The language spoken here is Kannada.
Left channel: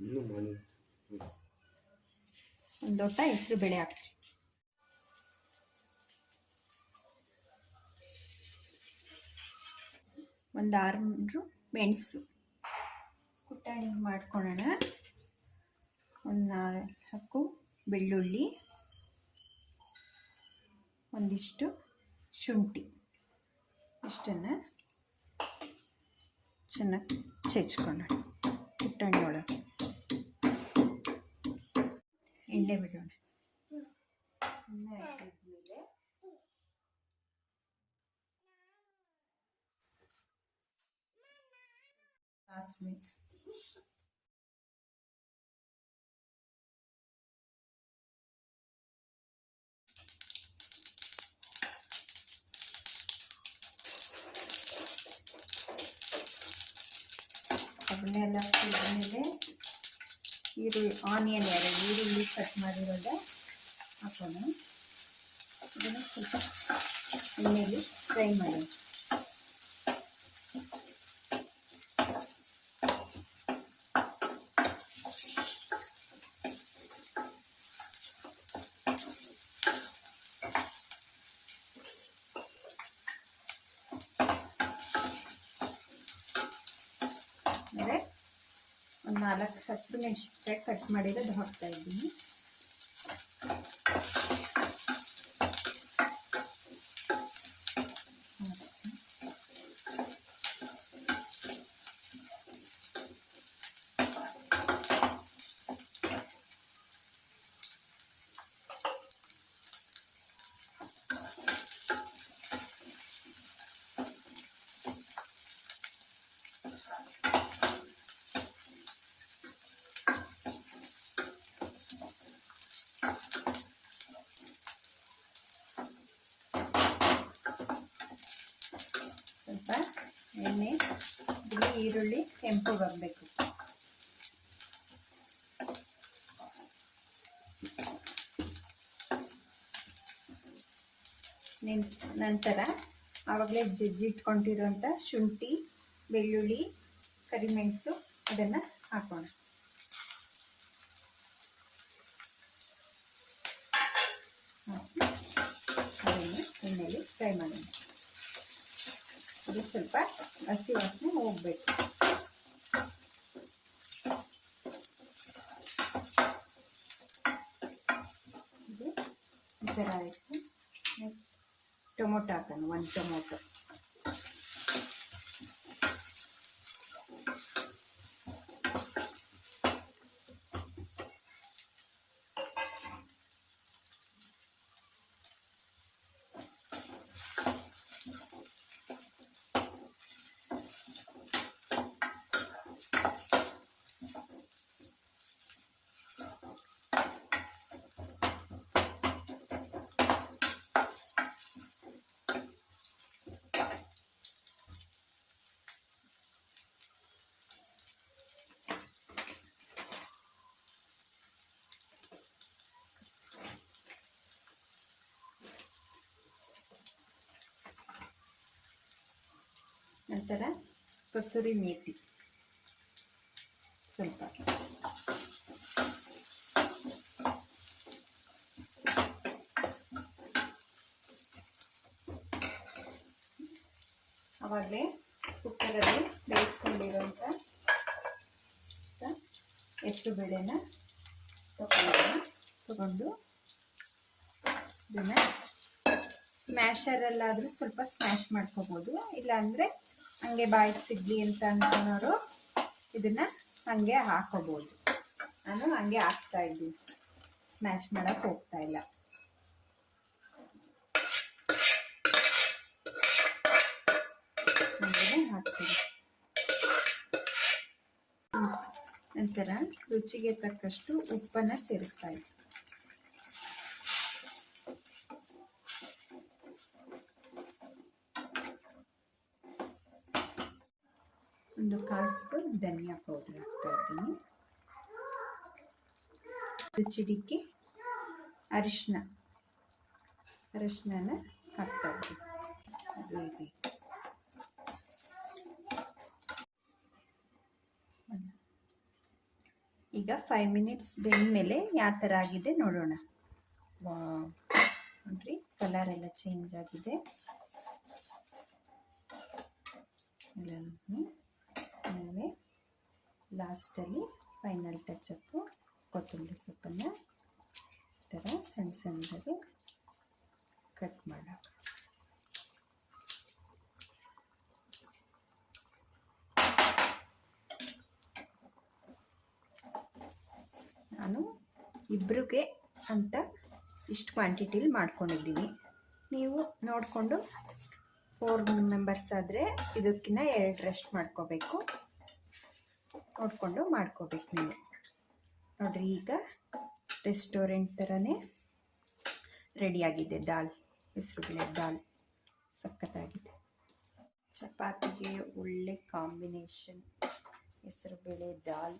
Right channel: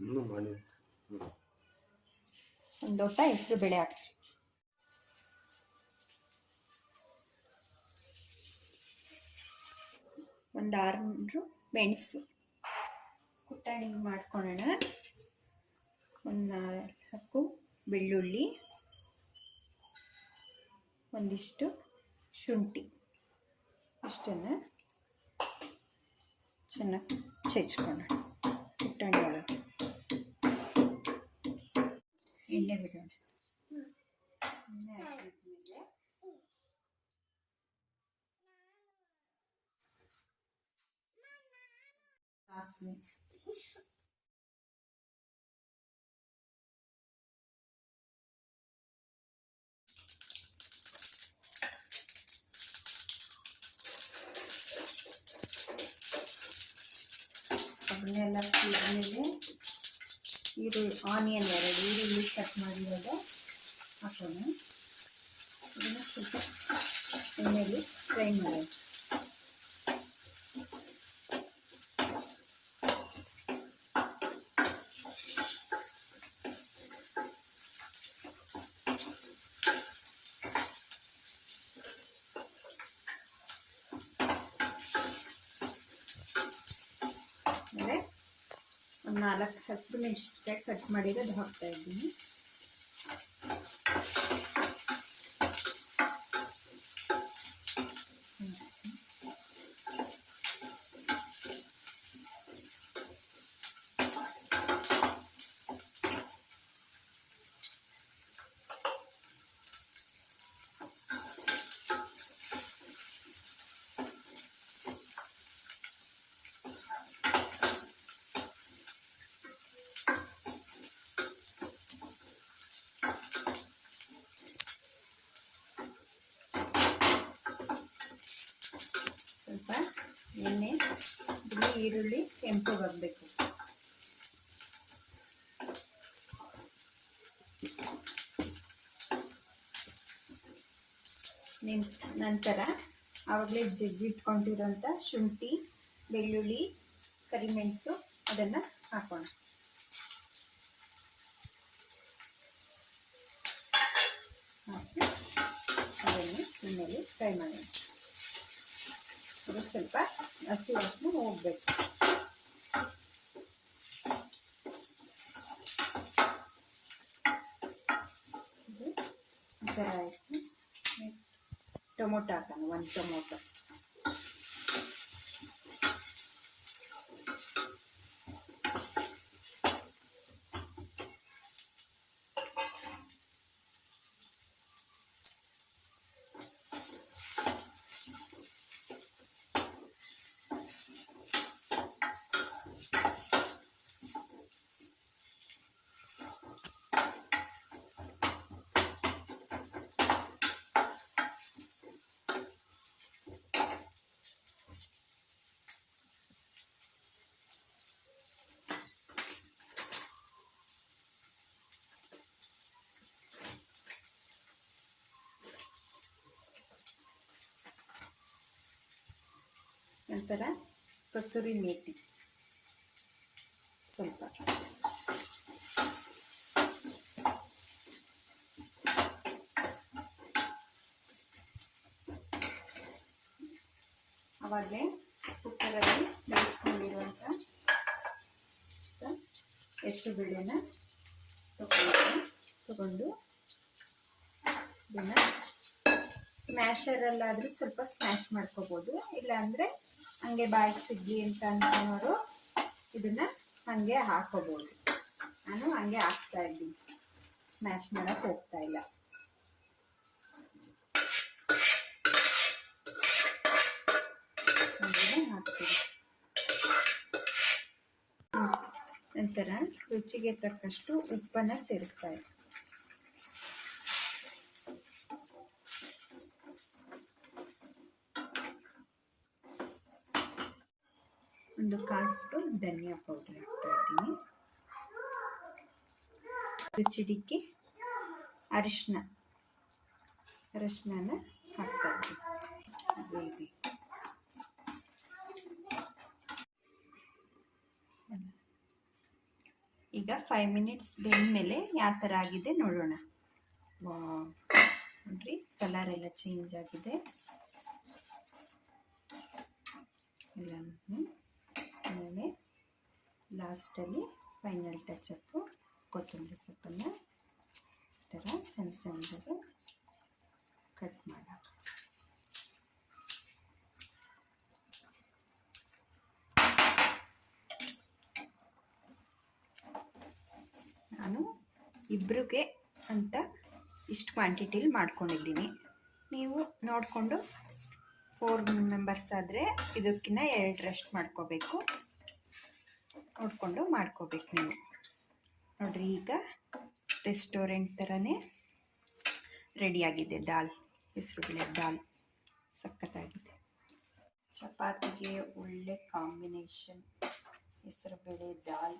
ಒಂದು ಲೋಟ ಹೆಸರು ಬೇಳೆ ಹಾಕಿ, ಒಂದು 6 ಮೆಣಸು ಕುಟ್ಟಾಣಿ ಮಾಡ್ಕೊಳ್ಳೋಣ, ಒಂದು 4 ಬೆಳ್ಳುಳ್ಳಿ, ಒಂದಿಷ್ಟು ಶುಂಠಿ, ಇಷ್ಟನ್ನು ಚೆನ್ನಾಗಿ ಚೆಚ್ಕೊಳ್ಳೋಣ. ಕುಟ್ಟಾಣಿ ಒಳಗೆ ಎಣ್ಣೆ ಬಿಡೋಣ. ಎಣ್ಣೆ ಹಾಕಿದ್ಮೇಲೆ ಸಾಸಿವೆ, ಅದನ್ನೆಲ್ಲ ಹಾಕಿದ್ಮೇಲೆ ಆನಿಯನ್ 2 ಈರುಳ್ಳಿ ಕಟ್ ಮಾಡಿರೋದು ಹಾಕೋಣ. ಇದನ್ನು ಸ್ವಲ್ಪ ಎಣ್ಣೆಯಲ್ಲಿ ಫ್ರೈ ಮಾಡೋಣ. ಆಮೇಲೆ ಒಂದು 4 ಹಸಿಮೆಣಸಿನಕಾಯಿ ಕಟ್ ಮಾಡಿರೋದು ಹಾಕ್ತಾ ಇದ್ದೀನಿ. ಸ್ವಲ್ಪ ಎಣ್ಣೆ ಈರುಳ್ಳಿ ಕೆಂಪು ಬರಬೇಕು. ನಂತರ ಆವಾಗಲೇ ಜಜ್ಜಿಟ್ಕೊಂಡಿರೋಂಥ ಶುಂಠಿ, ಬೆಳ್ಳುಳ್ಳಿ, ಕರಿಮೆಣಸು ಅದನ್ನು ಹಾಕೋಣ. ಹಾಕಿ ಅದನ್ನು ಎಣ್ಣೆಯಲ್ಲಿ ಫ್ರೈ ಮಾಡೋಣ. ಅದು ಸ್ವಲ್ಪ ಹಸಿ ವಾಸನೆ ಹೋಗಬೇಕು. ಇದು ಈ ಥರ ಆಯಿತು. ನೆಕ್ಸ್ಟ್ ಟೊಮೊಟೊ ಹಾಕೋಣ, 1 ಟೊಮೊಟೊ. ನಂತರ ಕಸೂರಿ ಮೇಥಿ ಸ್ವಲ್ಪ, ಆವಾಗಲೇ ಕುಕ್ಕರಲ್ಲಿ ಬೇಯಿಸ್ಕೊಂಡಿರುವಂಥ ಹೆಸರು ಬೇಳೆನ ತಗೊಂಡು ಇದನ್ನು ಸ್ಮ್ಯಾಶರಲ್ಲಾದರೂ ಸ್ವಲ್ಪ ಸ್ಮ್ಯಾಶ್ ಮಾಡ್ಕೋಬೋದು. ಇಲ್ಲಾಂದರೆ ಹಂಗೆ ಬಾಯಿಗೆ ಸಿಗಲಿ ಅಂತ ಅನ್ನೋರು ಇದನ್ನು ಹಾಗೆ ಹಾಕೋಬೋದು. ನಾನು ಹಂಗೆ ಹಾಕ್ತಾ ಇದ್ದೀನಿ, ಸ್ಮ್ಯಾಶ್ ಮಾಡೋಕ್ಕೆ ಹೋಗ್ತಾ ಇಲ್ಲ. ಹಾಕ್ತೀನಿ. ನಂತರ ರುಚಿಗೆ ತಕ್ಕಷ್ಟು ಉಪ್ಪನ್ನು ಸೇರಿಸ್ತಾ ಇದ್ದೀನಿ. ಒಂದು 1/4 ಸ್ಪೂನ್ ಧನಿಯಾ ಪೌಡರ್ ಹಾಕ್ತಾ ಇದ್ದೀನಿ. ರುಚಿಗೆ ಅರಿಶಿನ ಹಾಕ್ತಾ ಇದ್ದೀನಿ. ಈಗ 5 ಮಿನಿಟ್ಸ್ ಬೆಂದಮೇಲೆ ಯಾವ ಥರ ಆಗಿದೆ ನೋಡೋಣ. ನೋಡ್ರಿ, ಕಲರ್ ಎಲ್ಲ ಚೇಂಜ್ ಆಗಿದೆ. ಆಮೇಲೆ ಲಾಸ್ಟಲ್ಲಿ ಫೈನಲ್ ಟಚಪ್ಪು ಕೊತ್ತಂಬರಿ ಸೊಪ್ಪನ್ನು ಈ ಥರ ಸಣ್ಣ ಸಣ್ಣದಾಗಿ ಕಟ್ ಮಾಡೋಣ. ನಾನು ಇಬ್ಬರಿಗೆ ಅಂತ ಇಷ್ಟು ಕ್ವಾಂಟಿಟಿಲಿ ಮಾಡ್ಕೊಂಡಿದ್ದೀನಿ. ನೀವು ನೋಡಿಕೊಂಡು 4 ಮೆಂಬರ್ಸ್ ಆದರೆ ಇದಕ್ಕಿಂತ 2 ಮಾಡ್ಕೋಬೇಕು. ನೋಡಿಕೊಂಡು ಮಾಡ್ಕೋಬೇಕು ನೀವು. ನೋಡಿರಿ, ಈಗ ರೆಸ್ಟೋರೆಂಟ್ ಥರನೇ ರೆಡಿಯಾಗಿದೆ ದಾಲ್, ಹೆಸರುಬೇಳೆ ದಾಲ್. ಸಖತ್ತಾಗಿದೆ. ಚಪಾತಿಗೆ ಒಳ್ಳೆ ಕಾಂಬಿನೇಷನ್ ಹೆಸರುಬೇಳೆ ದಾಲ್.